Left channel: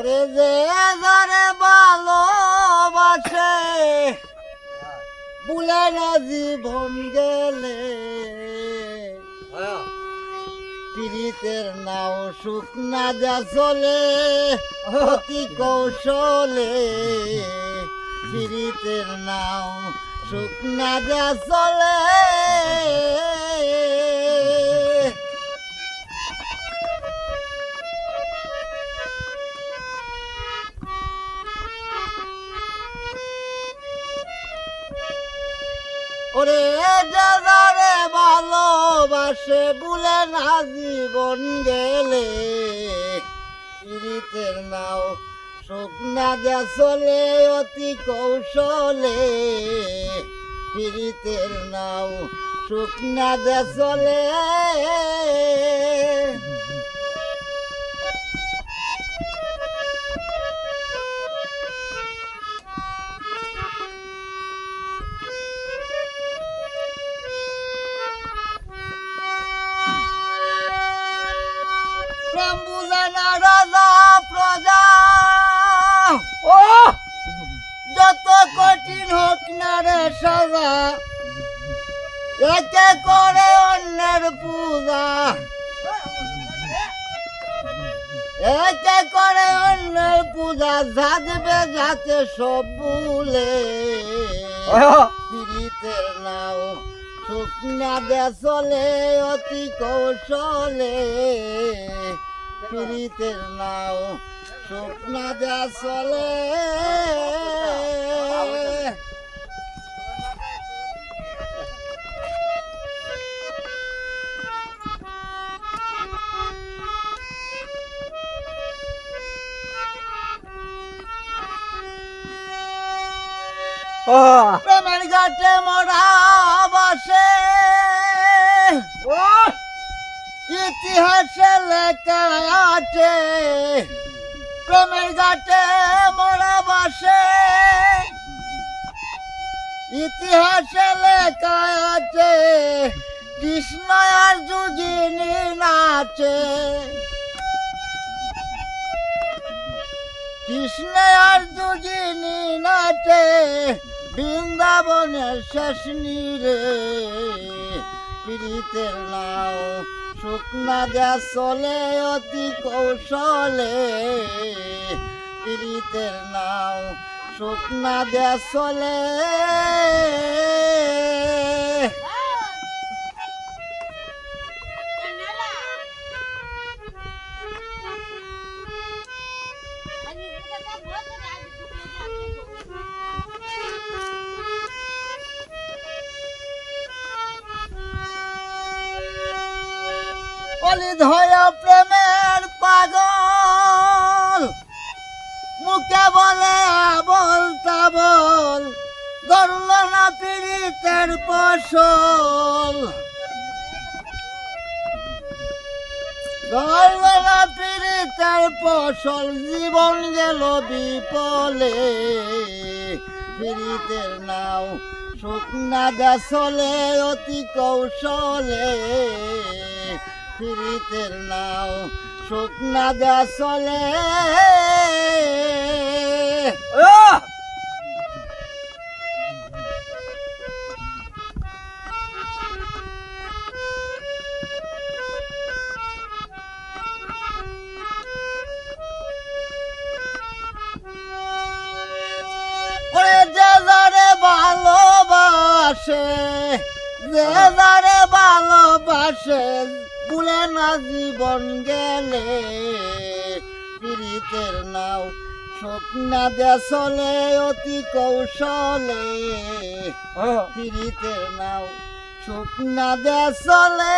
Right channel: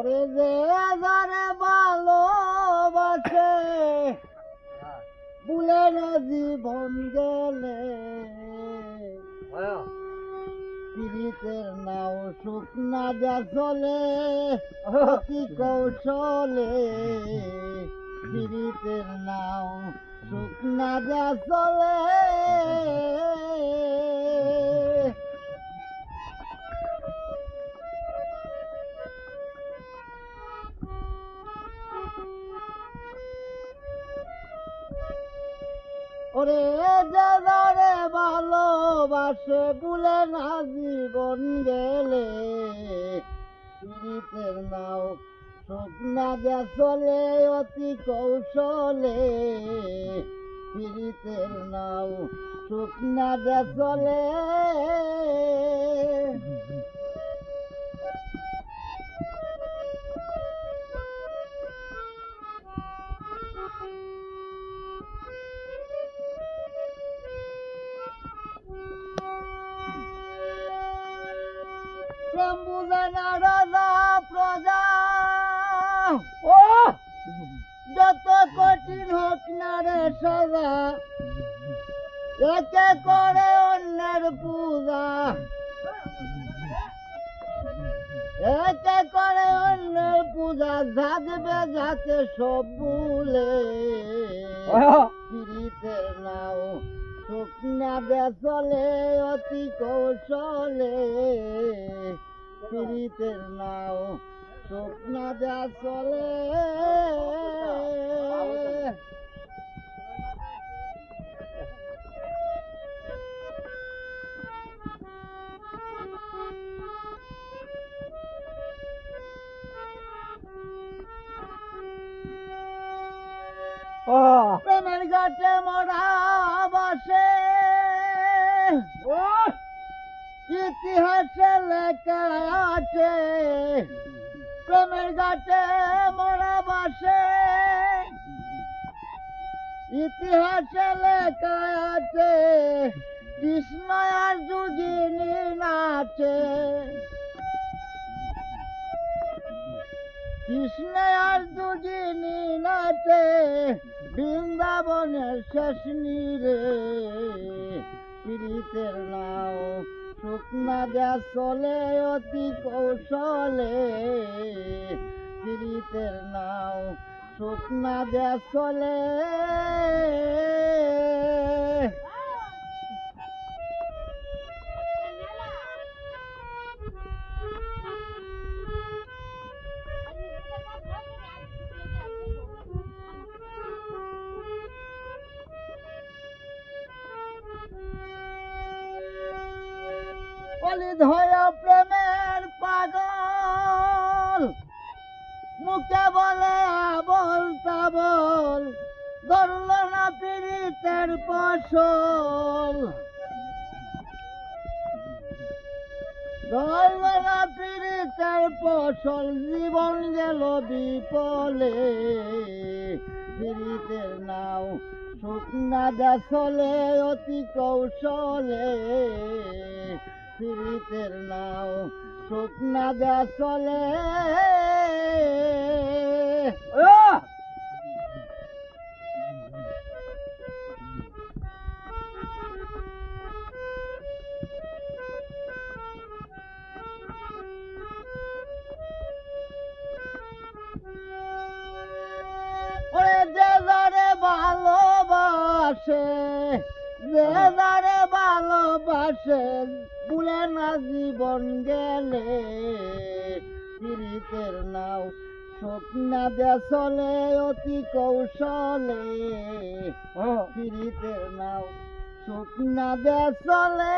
ওরে যে যারে ভালোবাসে বুলে না জীবন গেলে। পীড়িতের নাও সুখ না যা চলে অতি কৌশলে। পীড়িতের নাও সুখ না যা চলে ওরে যারে ভালোবাসে বলে না জীবন গেলে। পীড়িতের নাও শুকনা চলে অতি কৌশলে। পীড়িতের নাও শুকনা চলে রাজা প্রজা। ও যত কঠিন হোক না রে সাজা একে করে অন্যের পূজা। একে করে অন্যের পূজা সাজবে যাতে সব ভুলে। পীড়িতের নাও সুখ না দে চলে অতি কৌশলে। পীড়িতের নাও সুখ না দে চলে প্রেমের ঘাটে মরা বসে। ইতিহাসে লেখা আছে। প্রেমের ঘাটে মরা বসে। ইতিহাসে লেখা আছে। কৃষ্ণ আর যুগিনী নাচে। কৃষ্ণ আর যুগিনী নাচে। বৃন্দাবনের শেষ নীরে। পীড়িতের নাও। শুকনা যা চলে অতি কৌশলে। পীড়িতের নাও। শুকনা যা চলে। অলি ধয়া প্রেমের পাগল। মুখে বলে আবল তাবল, ধরল না পীড়িতের ফসল। ধরল না পীড়িতের ফসল, জীবন গেল বিপলে। পীড়িতের নাও শুকনা দেশলে অতি কৌশলে। পীড়িতের নাও শুকনা যে যারে ভালোবাসে যে ভালোবাসে ভুলে না জীবন গেলে পীড়িতের নাও স্বপ্না দেশলে অতি কৌশলে। পীড়িতের নাও স্বপ্না দেশলে